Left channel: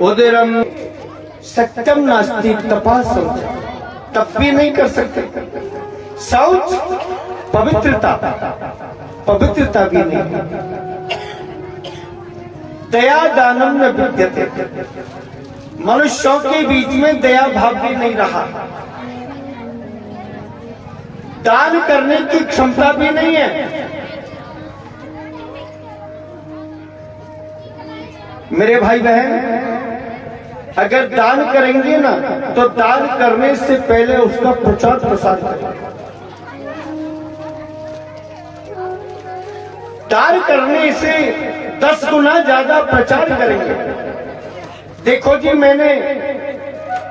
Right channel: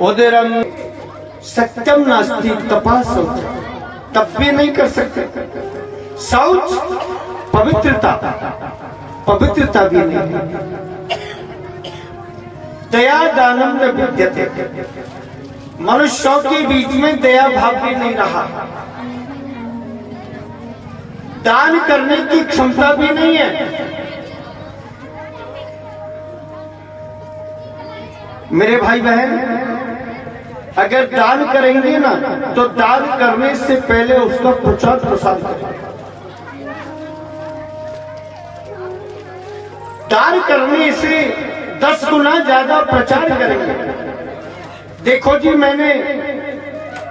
उदरम सत्यम नास्ति तपा शौच, तप भी नहीं कर सकते। शौच पवित्रता, पवित्रता भी नहीं। दया दानम न विद्यते, मनुष्यों के बीच में दया भाव भी नहीं रहा। दान करने की क्षमता भी नहीं है। मेरे भाई बहन, अगर दान करेंगे ना तो दान करने से पहले उसका प्रचार प्रसार करें। दान करने से 10 गुना ज्यादा प्रचार करेंगे। देखो जी, मैंने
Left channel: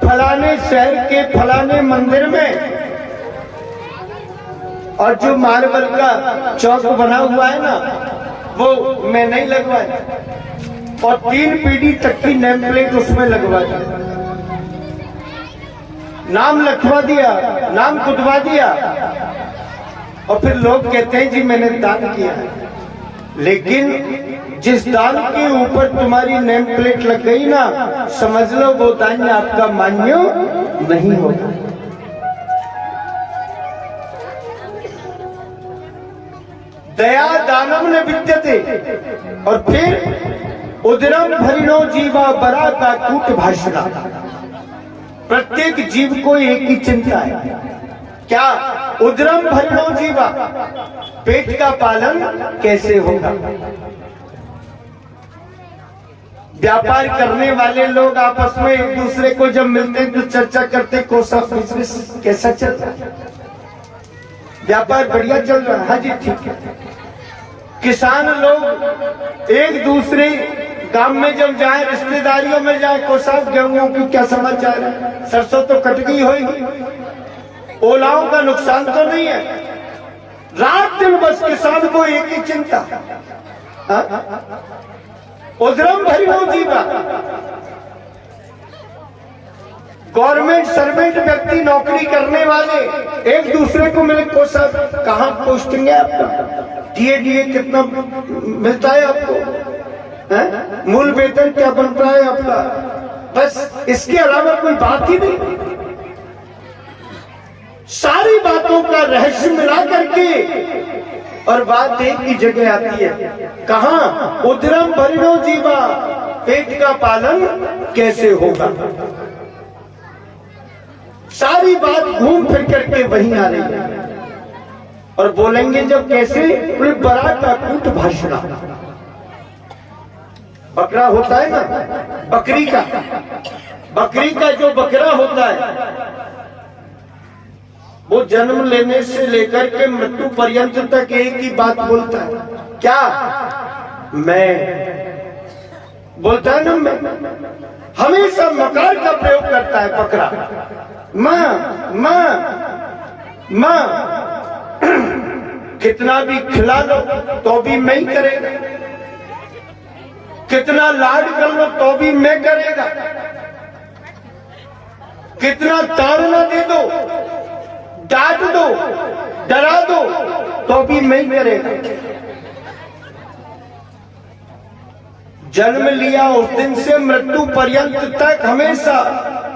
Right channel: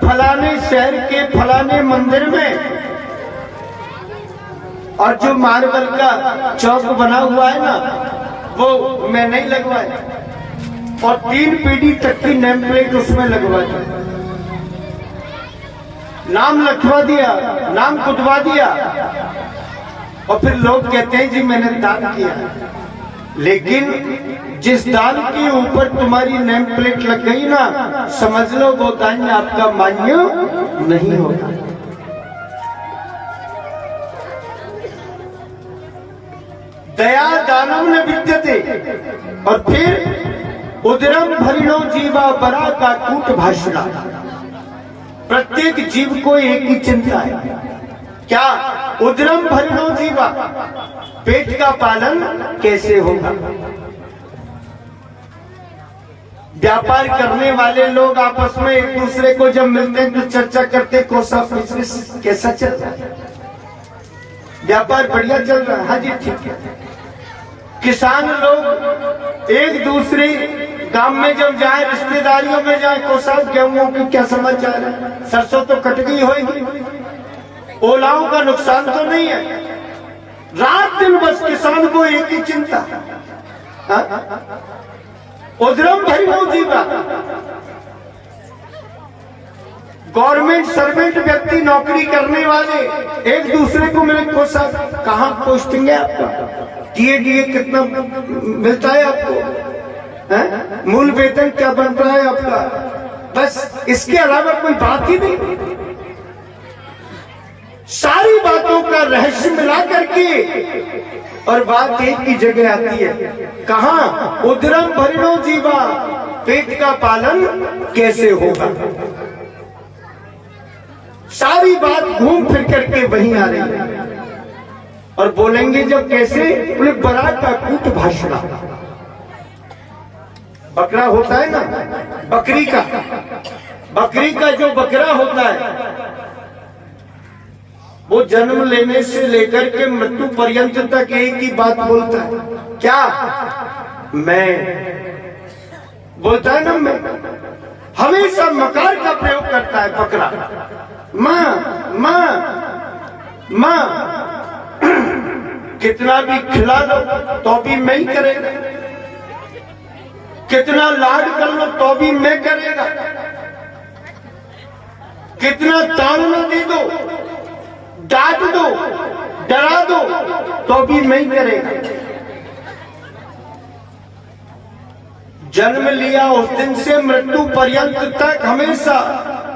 फलाने शहर के फलाने मंदिर में, और जो मार्बल का चौक बना हुआ है ना, वो मैं नहीं लगवाया, और 3 पीढ़ी तक की नेम प्लेट उसमें लगवा दी, नाम लिखवा दिया, नाम कुटवा दिया, और फिर लोग कहते हैं जी मैंने दान किया। लेकिन जिस दान के ऊपर तुम्हारी नेम प्लेट लग गई ना, समझ लो वो दान आपका मान्य नहीं होगा। दया दानम न विद्यते, और फिर उदरम भरिणो जीवा बरा का कूट भाषणा। प्रत्येक जीव को एक ही चिंता है, क्या? उदरम भरिणो जीवा, पेट का पालन कैसे होगा। व्यापार करने वाले लोग आपस में एक दूसरे को जब मिलते हैं तो चर्चा करते कोसा बिजनेस कैसा चल रहा है, व्यापार बढ़िया चल रहा है, हाँ जी ठीक है। किसान लोग एक दूसरे गांव में जब जाए, रिश्तेदारियों में जाए, को साहब गेहूं की क्या समाचार है, सरसों तो कट गई होगी, ओलाओं का नुकसान तो नहीं है। रात दिन बस किसान को एक ही चिंता, उदरम भरिणो जीवा। गवर्नमेंट सर्वेंट व्यक्ति, नौकरी करने वाले एक दूसरे को मिले, को साहब कहाँ पोस्टिंग है आपका, डीए कितना मिलता है आपको, मूल वेतन क्या बन रहा है आपका, बस इसके अलावा कोई बात ही नहीं। सारी बातों का रहस्य मिला करके और बात एक ही जगह आती है, कहां? उदरम भरिणो जीवा, पेट का पालन कैसे होगा। सारी बात घूम फिर करके वहीं आ रही है। और बोलेंगे जब कैसे, बोले बरा का कूट भाषणा। बकरा होता है ना, बकरी का जो बकरा होता है, वो जन्म लेने से लेकर के मृत्यु पर्यंत तक एक ही बात बोलता है, क्या? मैं बोलता है ना, मैं हमेशा मकार का प्रयोग करता है बकरा। मां मां मां, कितना भी खिला लो तो भी मैं ही करेगा, कितना लाड कर लो तो भी मैं करेगा, कितना ताड़ना दे दो, डांट दो, डरा दो तो भी मैं ही करेगा। जन्म लिया उस दिन से मृत्यु पर्यंत तक हमेशा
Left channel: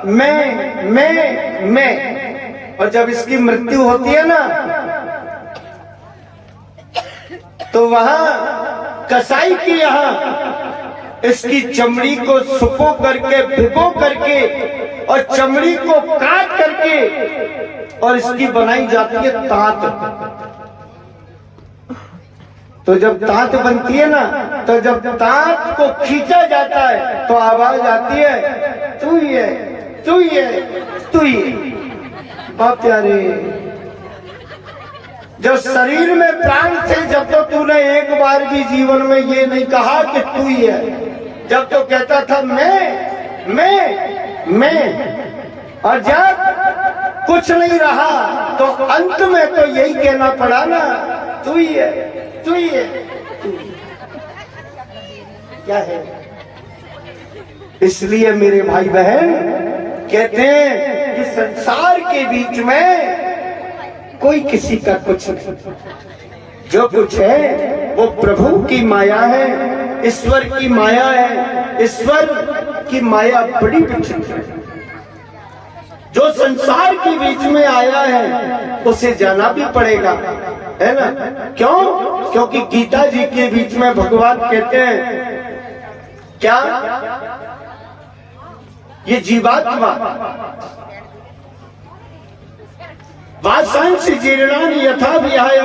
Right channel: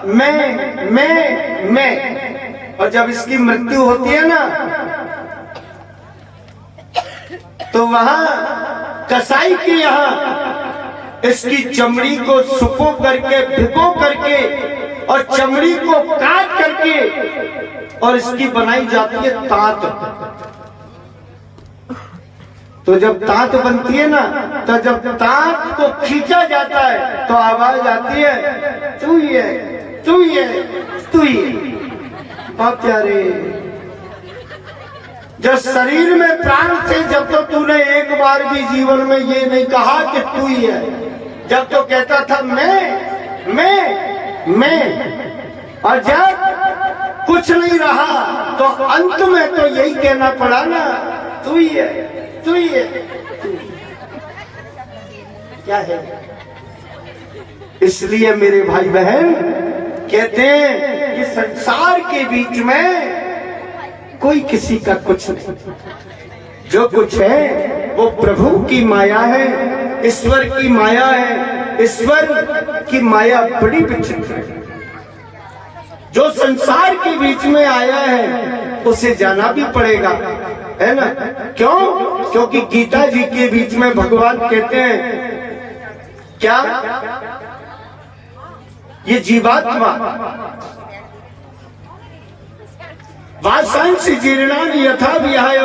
मैं। और जब इसकी मृत्यु होती है ना, तो वहां कसाई के यहां इसकी चमड़ी को सुखो करके, भिगो करके, और चमड़ी को काट करके, और इसकी बनाई जाती है तात। तो जब तात बनती है ना, तो जब तात को खींचा जाता है तो आवाज आती है, तू ही है, तू ही है, तू ही है। बात प्यारे, जो शरीर में प्राण थे, जब तो तूने एक बार भी जीवन में ये नहीं कहा कि तू ही है, जब तो कहता था मैं, और जब कुछ नहीं रहा तो अंत में तो यही कहना पड़ा ना, तू ही है, तू ही है, क्या है। इसलिए मेरे भाई बहन कहते हैं कि संसार के बीच में कोई किसी का कुछ नहीं, जो कुछ है वो प्रभु की माया है, ईश्वर की माया है। ईश्वर की माया बड़ी विचित्र है। जो संसार के बीच में आया है उसे जाना भी पड़ेगा, है ना? क्यों? क्योंकि गीता जी के बीच में भगवान कहते हैं क्या, ये जीवात्मा वासांसि जीर्णानि यथा विहाय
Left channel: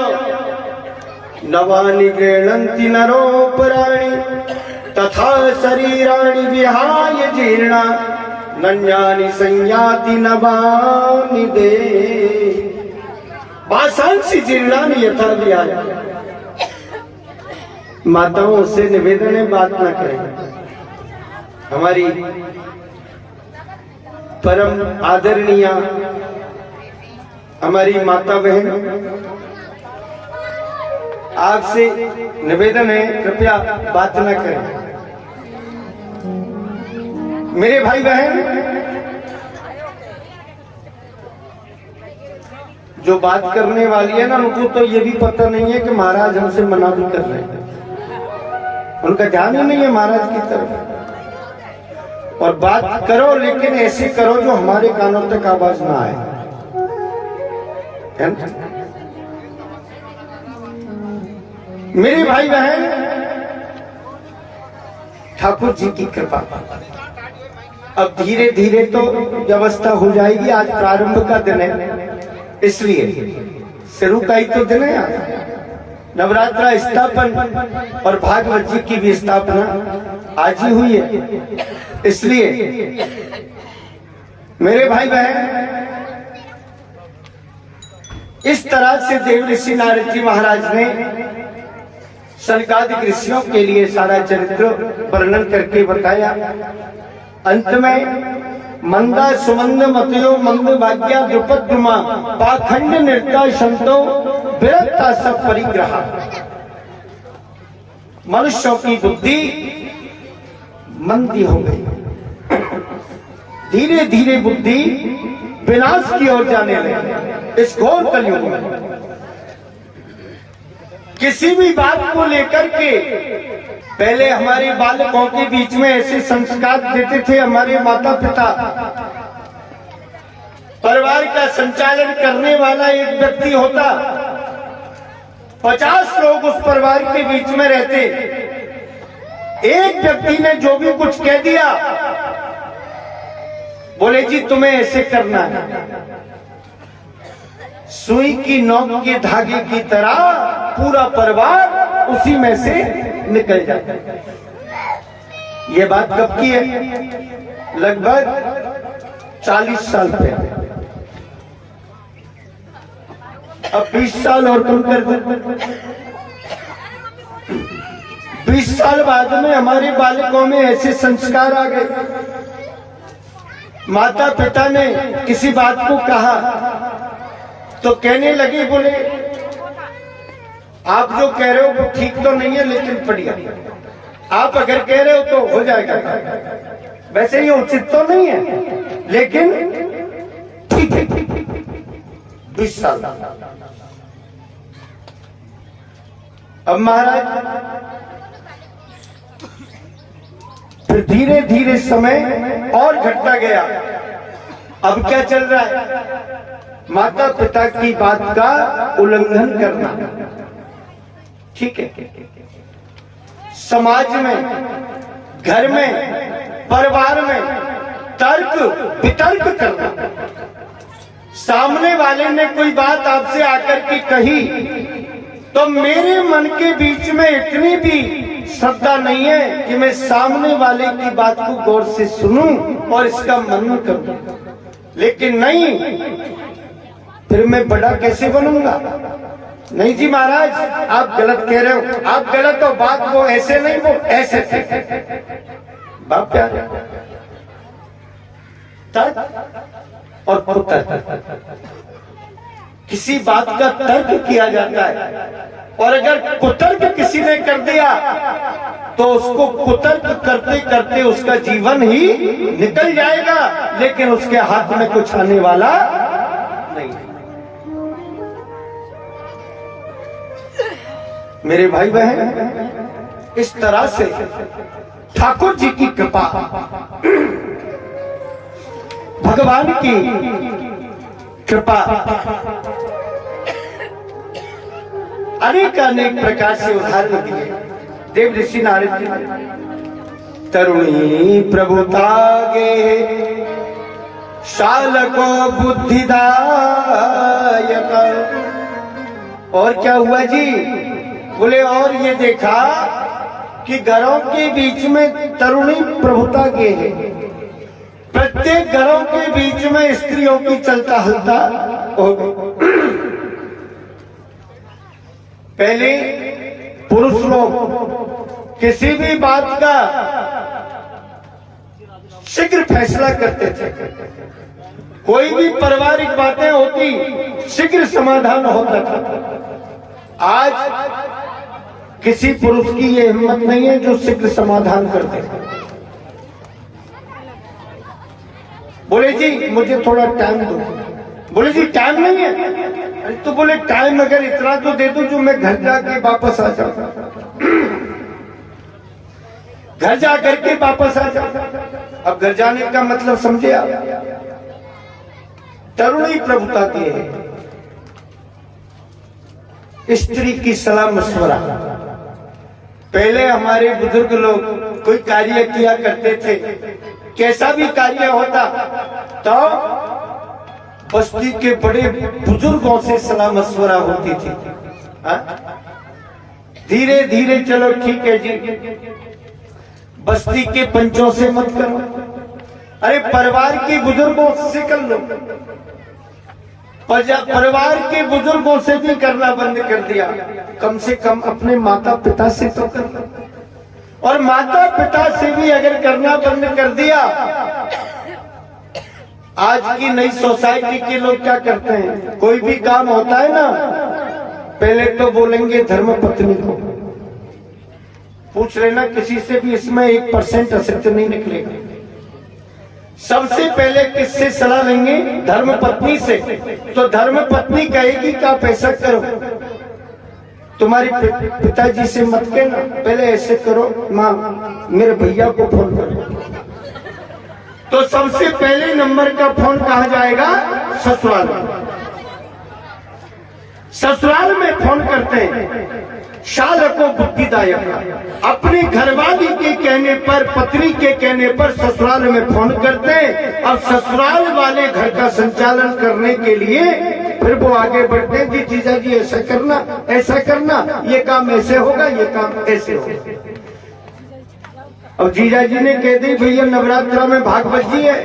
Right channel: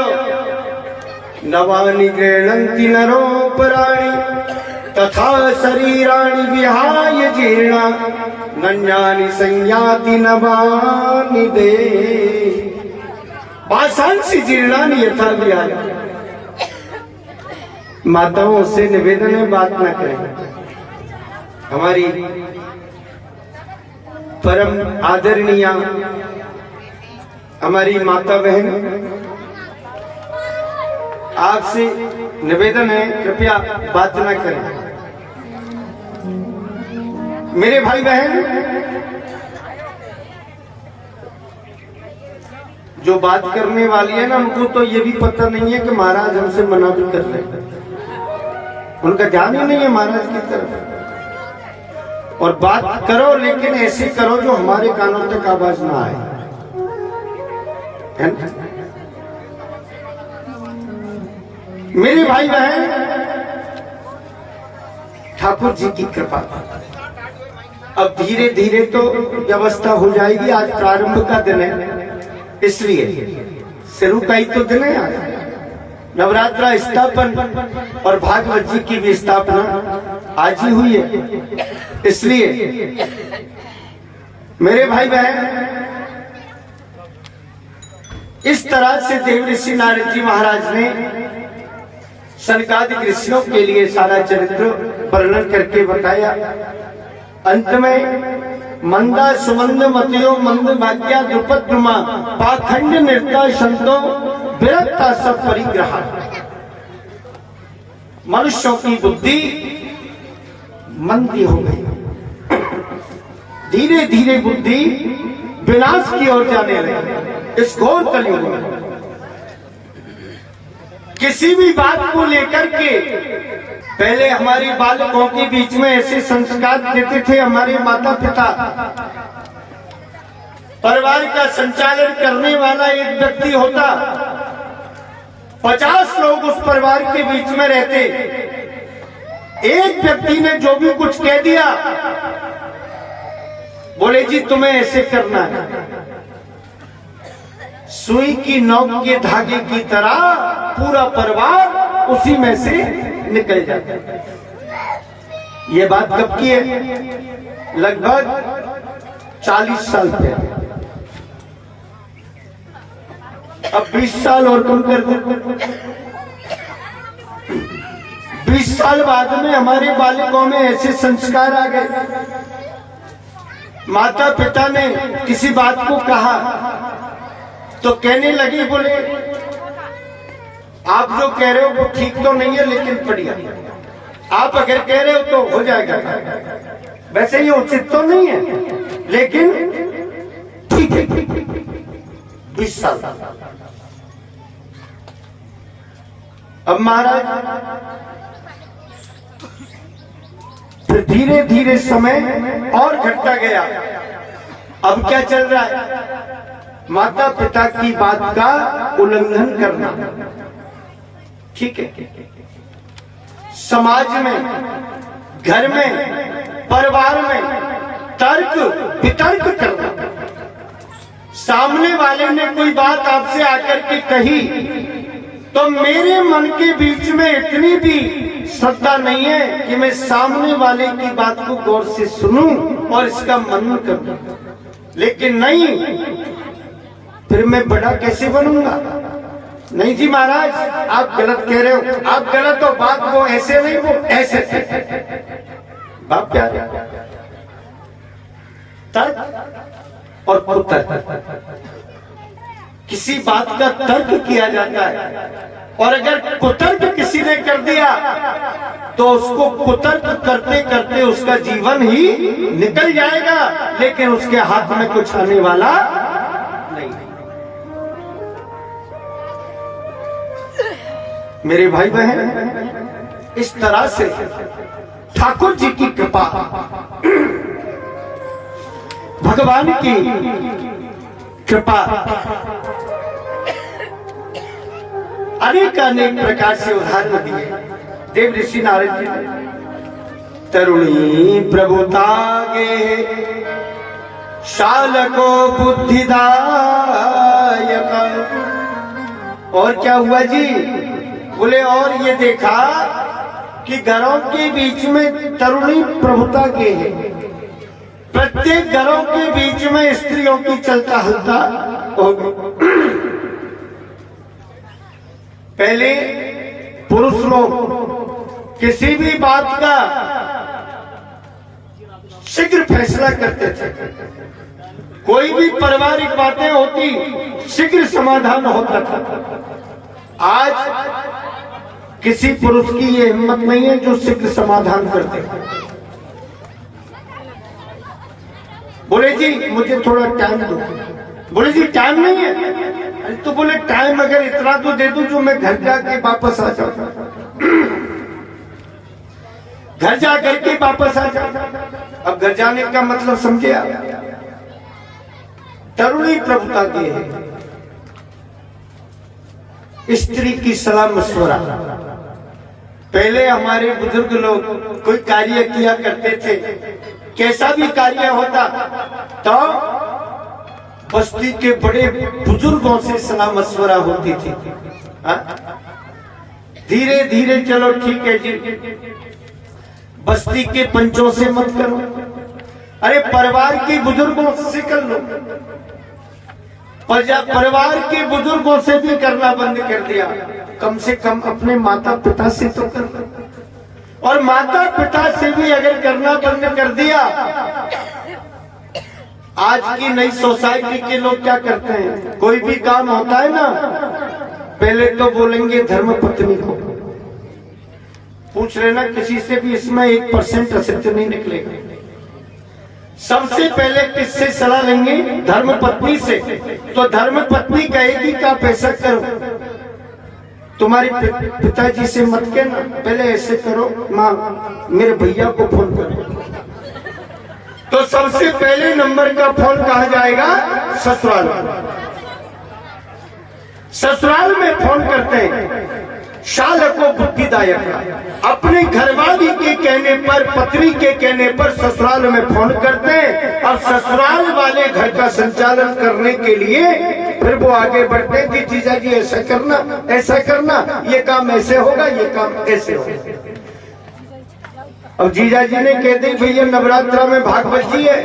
नवानि गृह्णन्ति नरोपराणि तथा शरीराणि विहाय जीर्णा नन्यानि संयाति नवानि दे। वासांसि जीर्णानि यथा विहाय। माताओं से निवेदन है, बात न करें। हमारी परम आदरणीय हमारी माता बहन, आपसे निवेदन है कृपया बात न करें। मेरे भाई बहन, जो बात करने वाली है ना, उनको तो ये भी पता नहीं है कि महाराज हमसे मना भी कर रहे हैं। उनका ध्यान ही नहीं है महाराज की तरफ। और बात करो लेकिन ऐसे करो जो हमारे कानों तक आवाज ना आए। मेरे भाई बहन, ठाकुर जी की कृपा, अब धीरे धीरे तो व्यवस्था हो जाएगी। आज प्रारंभ का दिन है, इसलिए शुरू का ही तो दिन है। आज नवरात्रा स्थापन और भागवत जी की भी स्थापना आज ही हुई है। इसलिए मेरे भाई बहन, इस तरह से देव ऋषि नारद जी महाराज ने सनकादिक ऋषियों के लिए सारा चरित्र वर्णन करके बताया। अंत में मंदा सुमंद मतयो मंद भाग्या द्रुपद द्रुमा पाखंड नृत्य संतो विरक्ता सब परिग्रह। मनुष्यों की बुद्धि मंदी हो गई, धीरे धीरे बुद्धि विनाश की ओर जाने लगी। इस घोर कलयुग में किसी भी बात को लेकर के पहले हमारे बालकों के बीच में ऐसे संस्कार देते थे हमारे माता पिता। परिवार का संचालन करने वाला एक व्यक्ति होता, 50 लोग उस परिवार के बीच में रहते। एक व्यक्ति ने जो भी कुछ कह दिया, बोले जी तुम्हें ऐसे करना है। सुई की नोक के धागे की तरह पूरा परिवार उसी में से निकल जाता है। ये बात कब की है? लगभग 40 साल पहले। अब 20 साल और कम कर दो। 20 साल बाद में हमारे बालकों में ऐसे संस्कार आ गए। माता पिता ने किसी बात को कहा तो कहने लगे, बोले आप जो कह रहे हो वो ठीक तो नहीं है लेकिन बढ़िया, आप अगर कह रहे हो तो हो जाएगा। वैसे ये उचित तो नहीं है लेकिन ठीक है। 20 साल अब महाराज, फिर धीरे धीरे समय और घटता गया। अब क्या चल रहा है? माता पिता की बात का उल्लंघन करना। ठीक है, समाज में, घर में, परिवार में तर्क वितर्क करना। सामने वाले ने कोई बात आपसे आकर के कही तो मेरे मन के बीच में इतनी भी श्रद्धा नहीं है कि मैं सामने वाले की बात को गौर से सुनूं और इसका मनन करूं। लेकिन नहीं, फिर मैं बड़ा कैसे बनूंगा? नहीं जी महाराज, आप गलत कह रहे हो, आप गलत हो, बात वो ऐसे नहीं, वो ऐसे। बाप क्या तर्क और कुतर्क, किसी बात का तर्क किया जाता है और अगर कुतर्क किसी ने कर दिया तो उसको कुतर्क करते करते उसका जीवन ही निकल जाएगा, लेकिन उसके हाथ में कुछ आने वाला नहीं। मेरे भाई बहन, इस तरह से ठाकुर जी की कृपा भगवान की कृपा अनेक अनेक प्रकार से उदाहरण दिए देव ऋषि नारद जी ने। तरुणी प्रभुतागे शालको बुद्धिदायक। और क्या हुआ जी? बोले और ये देखा कि घरों के बीच में तरुणी प्रभुता के है। प्रत्येक घरों के बीच में स्त्रियों की चलता हलता हो गई। पहले पुरुष लोग किसी भी बात का शीघ्र फैसला करते थे। कोई भी पारिवारिक बातें होती शीघ्र समाधान होता था। आज किसी पुरुष की ये हिम्मत नहीं है जो शीघ्र समाधान कर दे। बोले जी मुझे थोड़ा टाइम दो। बोले जी टाइम नहीं है? अरे तो बोले टाइम अगर इतना तो दे दो जो मैं घर जाके वापस आ जाऊं, घर जा करके वापस आ जाऊं। अब घर जाने का मतलब समझे आप? तरुणी प्रभुता की है। स्त्री की सलाह मशवरा। पहले हमारे बुजुर्ग लोग कोई कार्य किया करते थे, कैसा भी कार्य होता तो बस्ती के बड़े बुजुर्गों से सलाह मशवरा होती थी। धीरे धीरे चलो ठीक है जी, बस्ती के पंचों से मत करो, अरे परिवार के बुजुर्गों से कर लो। परिवार के बुजुर्गों से भी करना बंद कर दिया, कम से कम अपने माता पिता से तो कर। और माता पिता से भी अगर करना बंद कर दिया, आज की नई सोसाइटी के लोग क्या करते हैं, कोई भी काम होता है ना पहले तो बोलेंगे धर्म पत्नी को। पूछ लेना किसी से भी, इसमें 1% असत्य नहीं निकलेगा। सबसे पहले किससे सलाह लेंगे? धर्म पत्नी से। तो धर्म पत्नी कहेगी कि आप ऐसा करो, तुम्हारे पिताजी से मत कहना, पहले ऐसे करो माँ मेरे भैया को फोन करो। तो सबसे पहले नंबर का फोन कहा जाएगा? ससुराल। ससुराल में फोन करते हैं शालको बुद्धिदायक। अपने घरवाली के कहने पर, पत्नी के कहने पर ससुराल में फोन करते हैं और ससुराल वाले घर का संचालन करने के लिए फिर वो आगे बढ़ते हैं कि जीजा जी ऐसा करना, ऐसा करना, ये काम ऐसे होगा, ये काम ऐसे होगा। और जीजा जी ने कह दी भैया नवरात्रा में भागवत जी है,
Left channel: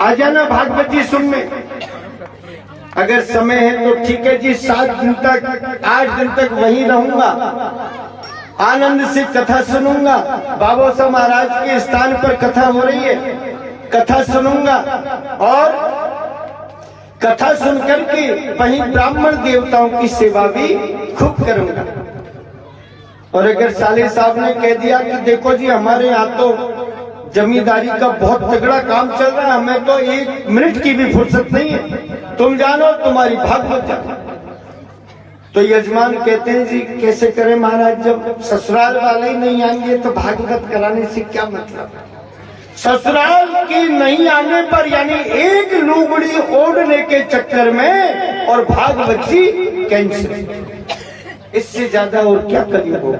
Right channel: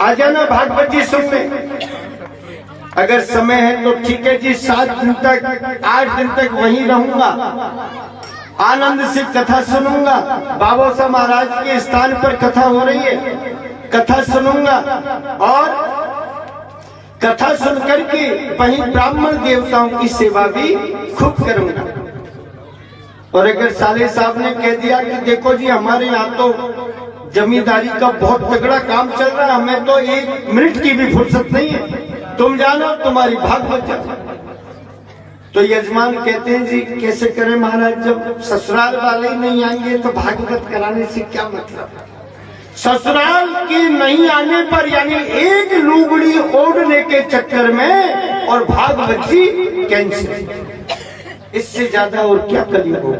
आ जाना भागवत जी सुनने। अगर समय है तो ठीक है जी, 7 दिन तक 8 दिन तक वहीं रहूंगा, आनंद से कथा सुनूंगा। बाबा साहब महाराज के स्थान पर कथा हो रही है, कथा सुनूंगा और कथा सुनकर के वहीं ब्राह्मण देवताओं की सेवा भी खूब करूंगा। और अगर साले साहब ने कह दिया कि देखो जी हमारे यहाँ तो जमींदारी का बहुत तगड़ा काम चल रहा है, हमें तो 1 मिनट की भी फुर्सत नहीं है, तुम जानो तुम्हारी भागवत जानो। तो यजमान कहते हैं जी कैसे करें महाराज, जब ससुराल वाले ही नहीं आएंगे तो भागवत कराने से क्या मतलब। ससुराल के नहीं आने पर यानी एक लुगड़ी ओढ़ने के चक्कर में और भागवत जी कैंसिल, इससे ज्यादा और क्या कलियुग होगा।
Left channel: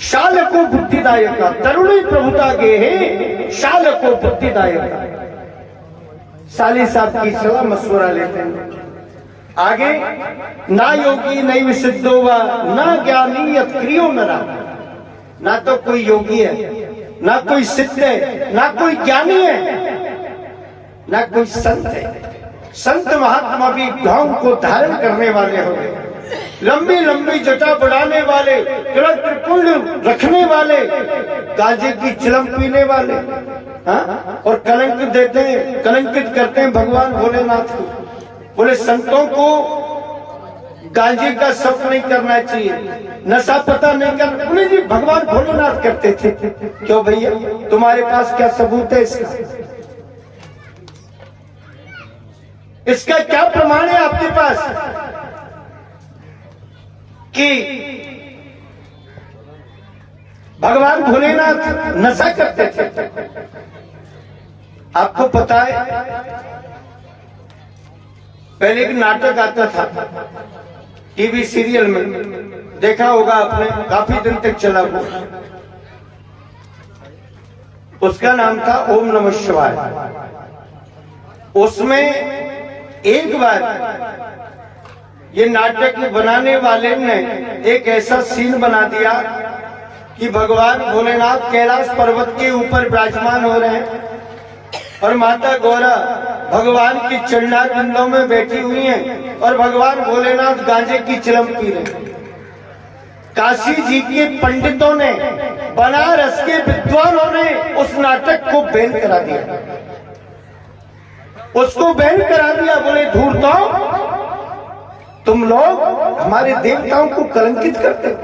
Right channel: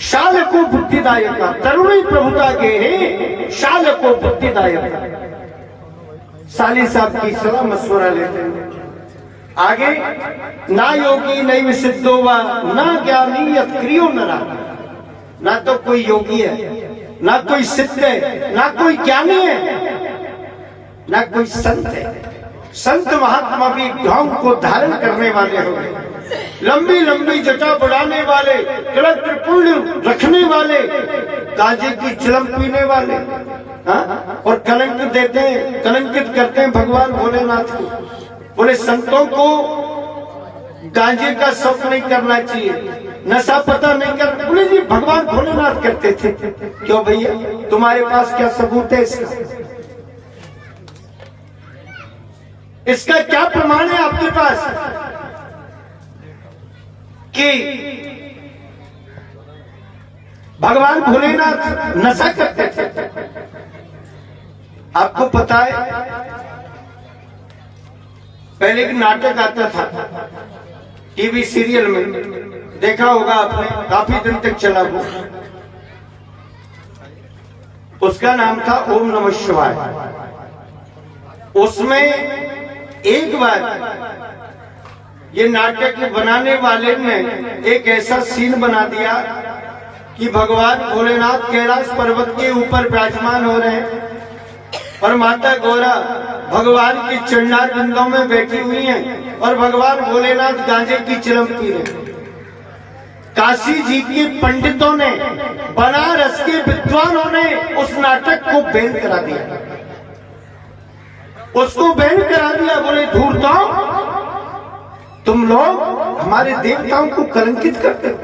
शालको बुद्धिदायक, तरुणी प्रभुता गे है शालको बुद्धिदायक। साली साहब की सलाह मशवरा लेते हैं। आगे ना योगी नहीं सिद्धो व ना ज्ञानी यत्क्रियो नरा। ना तो कोई योगी है, ना कोई सिद्ध है, ना कोई ज्ञानी है, ना कोई संत है। संत महात्मा भी ढोंग को धारण करने वाले हो गए, लंबी लंबी जटा बढ़ाने वाले, तिलक त्रिपुंड रखने वाले, गांजे की चिलम पीने वाले, और कलंक देते हैं, कलंकित करते हैं भगवान भोलेनाथ को। बोले संतों को गांजे का शौक नहीं करना चाहिए, नशा पता नहीं करना। बोले जी भगवान भोलेनाथ करते थे। क्यों भैया, तुम्हारे पास क्या सबूत है इसका? इसका क्या प्रमाण है आपके पास कि भगवान भोलेनाथ नशा करते थे। आपको पता है पहले एक नाटक आता था टीवी सीरियल में, देखा होगा आपने, काफी दिन तक चला वो। उसका नाम था ओम नमः शिवाय। उसमें एक बार ये नाटक बनाने वाले ने एक ऐसा सीन बना दिया कि भगवान भोलेनाथ कैलाश पर्वत के ऊपर विराजमान हो रहे हैं और माता गौरा भगवान की चंडाल बिंदों में बैठी हुई हैं और भगवान भोलेनाथ गांजे की चिलम पी रहे हैं। काशी जी के पंडितों ने, बनारस के विद्वानों ने उस नाटक को बैन करा दिया, उसको बैन करा दिया। बोले धूर्तों, तुम लोग हमारे देवताओं को कलंकित करते हो,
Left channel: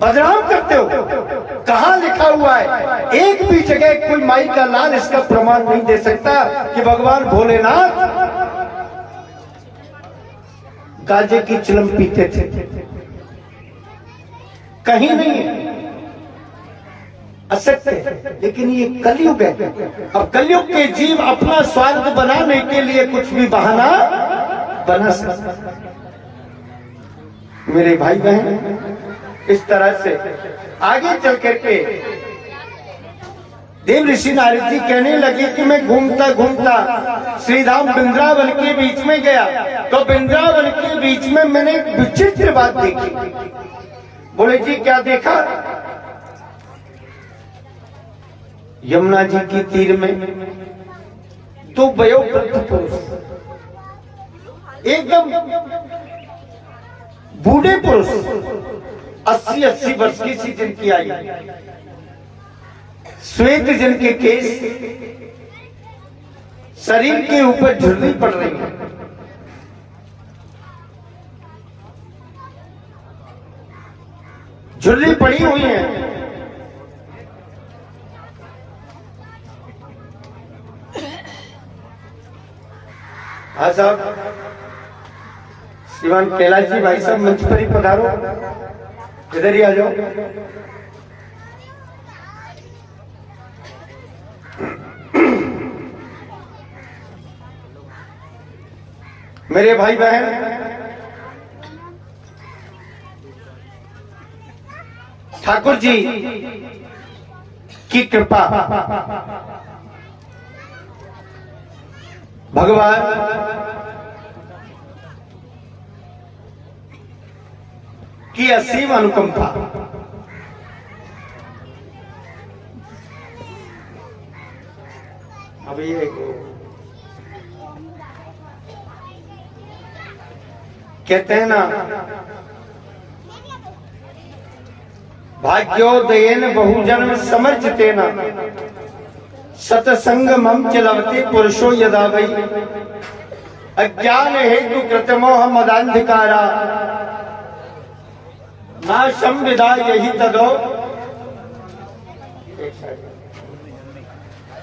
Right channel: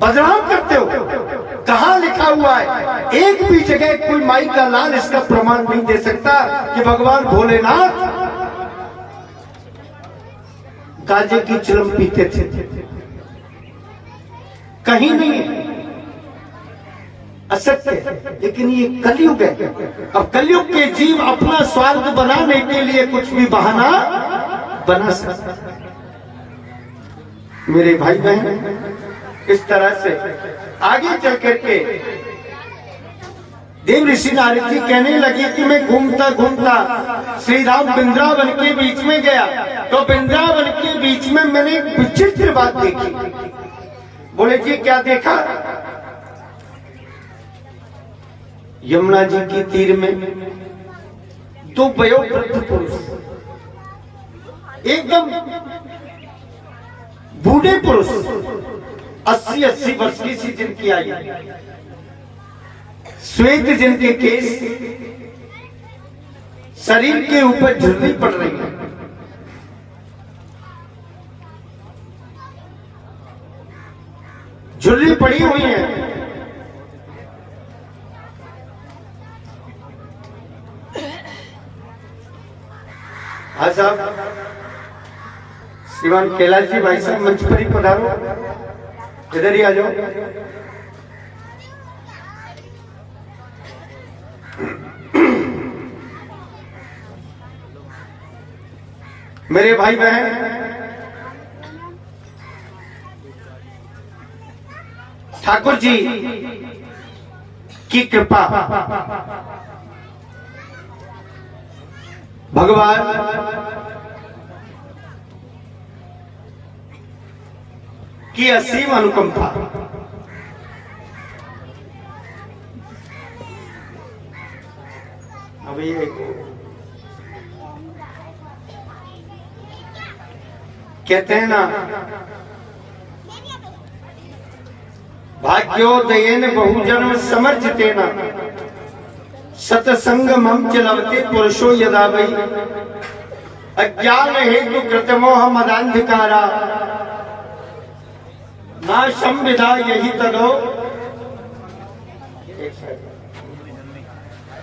बदनाम करते हो। कहां लिखा हुआ है? एक भी जगह कोई माई का लाल इसका प्रमाण नहीं दे सकता कि भगवान भोलेनाथ गांजे की चिलम पीते थे। कहीं नहीं है, असत्य है। लेकिन ये कलयुग है। अब कलयुग के जीव अपना स्वार्थ बनाने के लिए कुछ भी बहाना बना सकता। मेरे भाई बहन, इस तरह से आगे चल करके देव ऋषि नारद जी कहने लगे कि मैं घूमता घूमता श्रीधाम वृंदावन के बीच में गया, तो वृंदावन के बीच में मैंने एक विचित्र बात देखी। बोले जी क्या देखा? यमुना जी की तीर में दो वयोवृद्ध पुरुष, एकदम बूढ़े पुरुष, 80-80 वर्ष की सी जिनकी आयु, श्वेत जिनके केस, शरीर के ऊपर झुर्री पड़ रही है। झुर्री पड़ी हुई है। हाँ साहब, श्रीमान कैलाश जी भाई साहब मंच पर ही पधारो, इधर ही आ जाओ। मेरे भाई बहन, ठाकुर जी की कृपा, भगवान की असीम अनुकंपा, अभी कहते हैं ना, भाग्योदयेन बहुजन्म समर्जितेन सतसंग मम चलवते पुरुषो यदा वै अज्ञान हेतु कृतमोह मदांधकारा नाशम विधा यही तदो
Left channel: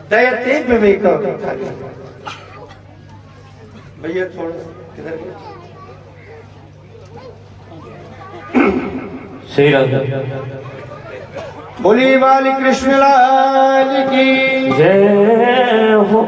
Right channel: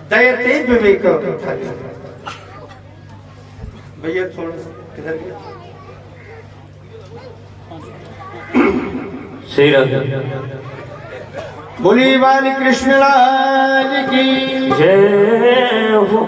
दयते विवेक। भैया थोड़ा किधर गए? श्री राधे बोली बाली कृष्ण लाल की जय हो।